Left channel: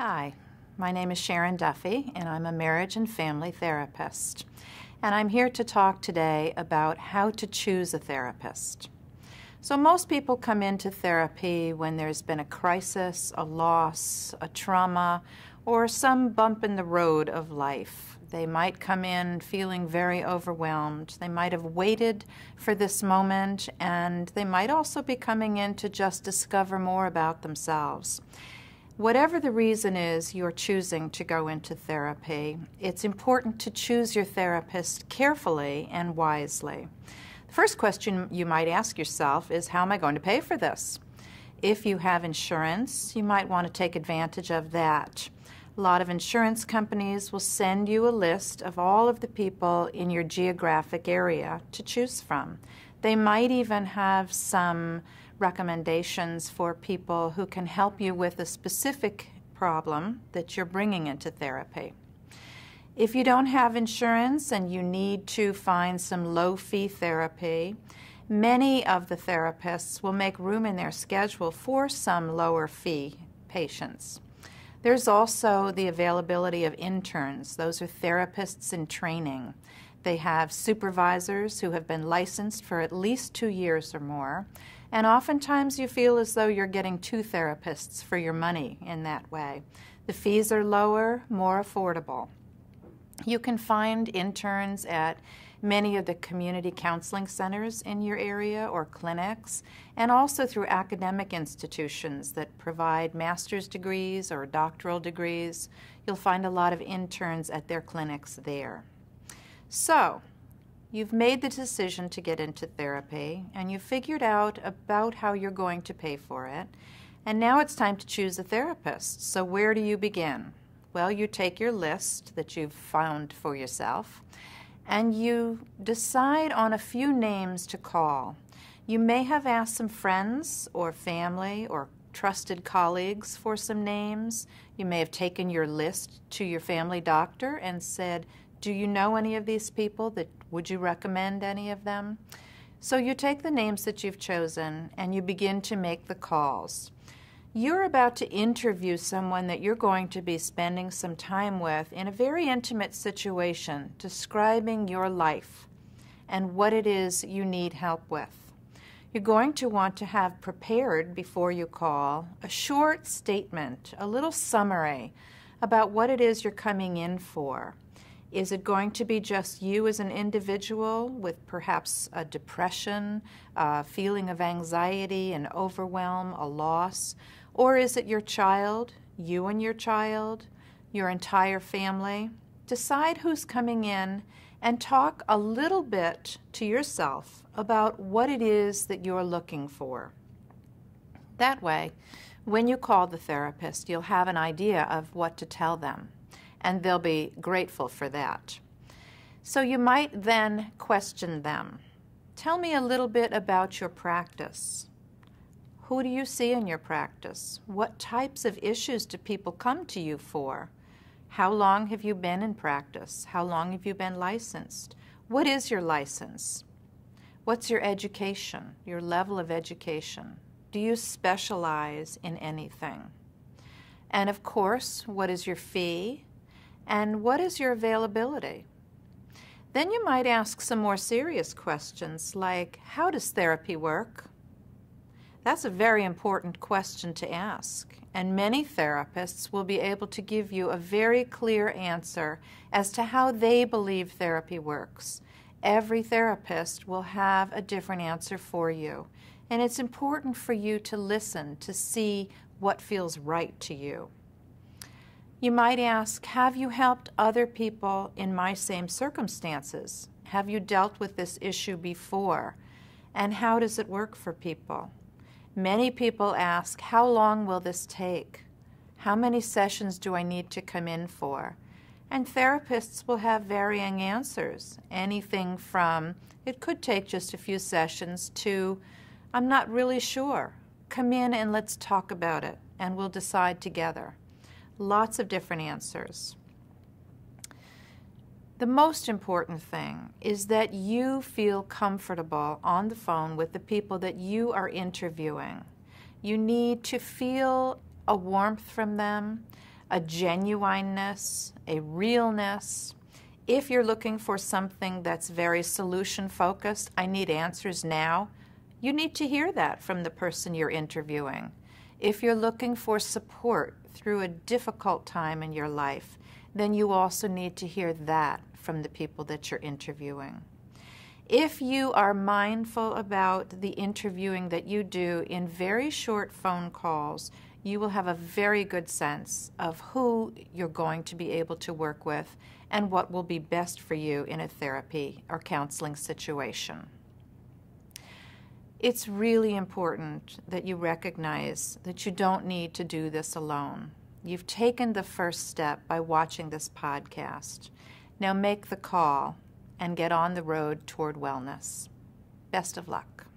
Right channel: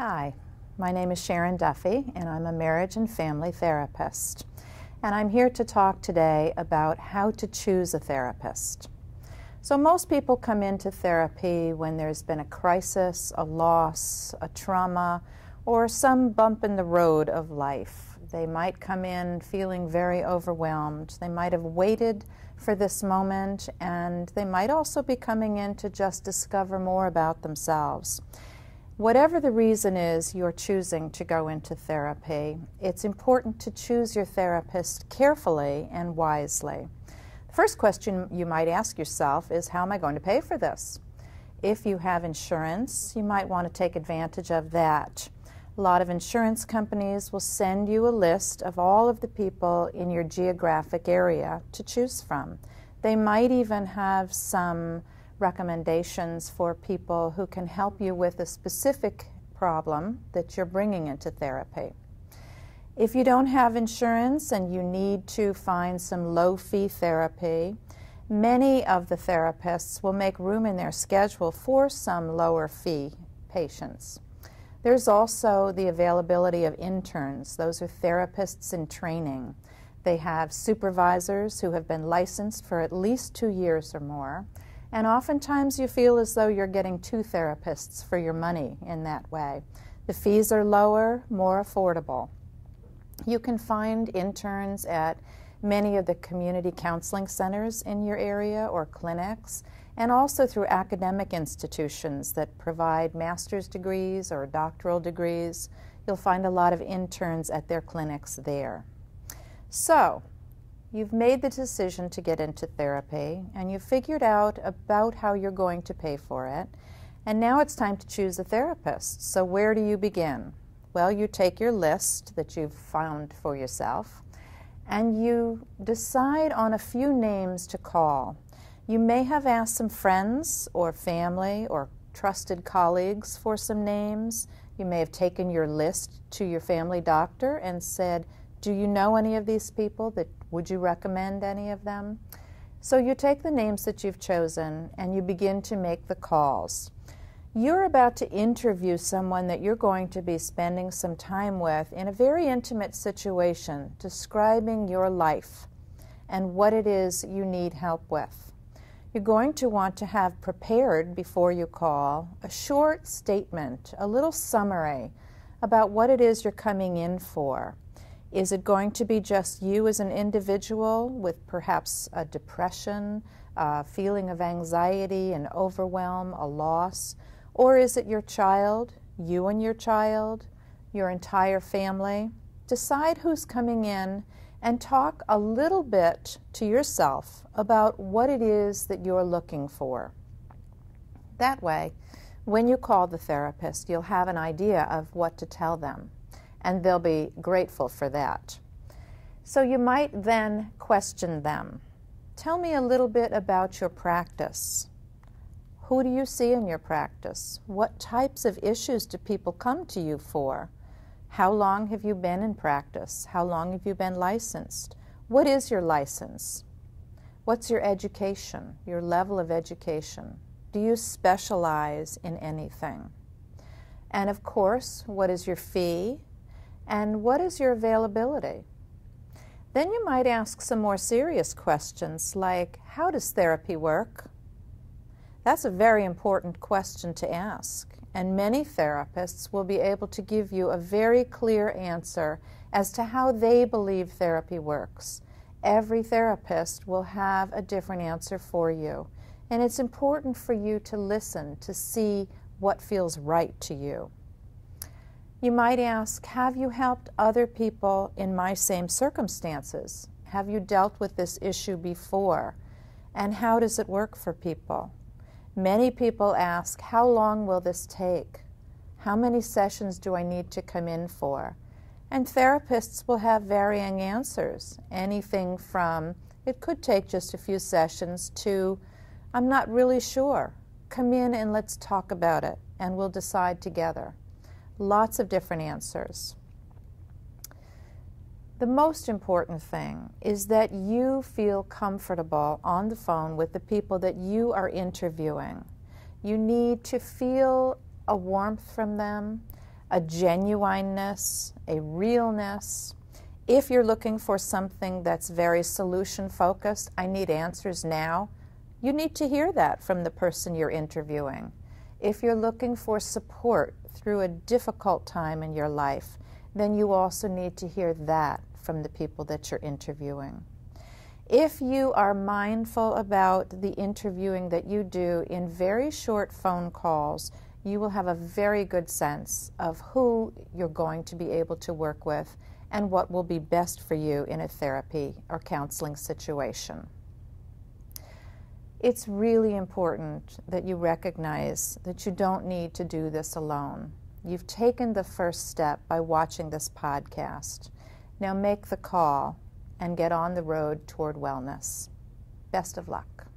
Hi, my name is Sharon Duffy, and I'm a marriage and family therapist. And I'm here to talk today about how to choose a therapist. So most people come into therapy when there's been a crisis, a loss, a trauma, or some bump in the road of life. They might come in feeling very overwhelmed. They might have waited for this moment, and they might also be coming in to just discover more about themselves. Whatever the reason is you're choosing to go into therapy, it's important to choose your therapist carefully and wisely. The first question you might ask yourself is, how am I going to pay for this? If you have insurance, you might want to take advantage of that. A lot of insurance companies will send you a list of all of the people in your geographic area to choose from. They might even have some recommendations for people who can help you with a specific problem that you're bringing into therapy. If you don't have insurance and you need to find some low-fee therapy, many of the therapists will make room in their schedule for some lower-fee patients. There's also the availability of interns. Those are therapists in training. They have supervisors who have been licensed for at least 2 years or more. And oftentimes you feel as though you're getting two therapists for your money in that way. The fees are lower, more affordable. You can find interns at many of the community counseling centers in your area or clinics, and also through academic institutions that provide master's degrees or doctoral degrees. You'll find a lot of interns at their clinics there. So, you've made the decision to get into therapy, and you've figured out about how you're going to pay for it, and now it's time to choose a therapist. So where do you begin? Well, you take your list that you've found for yourself, and you decide on a few names to call. You may have asked some friends or family or trusted colleagues for some names. You may have taken your list to your family doctor and said, do you know any of these people? Would you recommend any of them? So you take the names that you've chosen and you begin to make the calls. You're about to interview someone that you're going to be spending some time with in a very intimate situation, describing your life and what it is you need help with. You're going to want to have prepared before you call a short statement, a little summary about what it is you're coming in for. Is it going to be just you as an individual with perhaps a depression, a feeling of anxiety and overwhelm, a loss? Or is it your child, you and your child, your entire family? Decide who's coming in and talk a little bit to yourself about what it is that you're looking for. That way, when you call the therapist, you'll have an idea of what to tell them, and they'll be grateful for that. So you might then question them. Tell me a little bit about your practice. Who do you see in your practice? What types of issues do people come to you for? How long have you been in practice? How long have you been licensed? What is your license? What's your education, your level of education? Do you specialize in anything? And of course, what is your fee? And what is your availability? Then you might ask some more serious questions like, how does therapy work? That's a very important question to ask, and many therapists will be able to give you a very clear answer as to how they believe therapy works. Every therapist will have a different answer for you, and it's important for you to listen to see what feels right to you. You might ask, have you helped other people in my same circumstances? Have you dealt with this issue before? And how does it work for people? Many people ask, how long will this take? How many sessions do I need to come in for? And therapists will have varying answers. Anything from, it could take just a few sessions, to, I'm not really sure. Come in and let's talk about it, and we'll decide together. Lots of different answers. The most important thing is that you feel comfortable on the phone with the people that you are interviewing. You need to feel a warmth from them, a genuineness, a realness. If you're looking for something that's very solution-focused, I need answers now, you need to hear that from the person you're interviewing. If you're looking for support through a difficult time in your life, then you also need to hear that from the people that you're interviewing. If you are mindful about the interviewing that you do in very short phone calls, you will have a very good sense of who you're going to be able to work with and what will be best for you in a therapy or counseling situation. It's really important that you recognize that you don't need to do this alone. You've taken the first step by watching this podcast. Now make the call and get on the road toward wellness. Best of luck.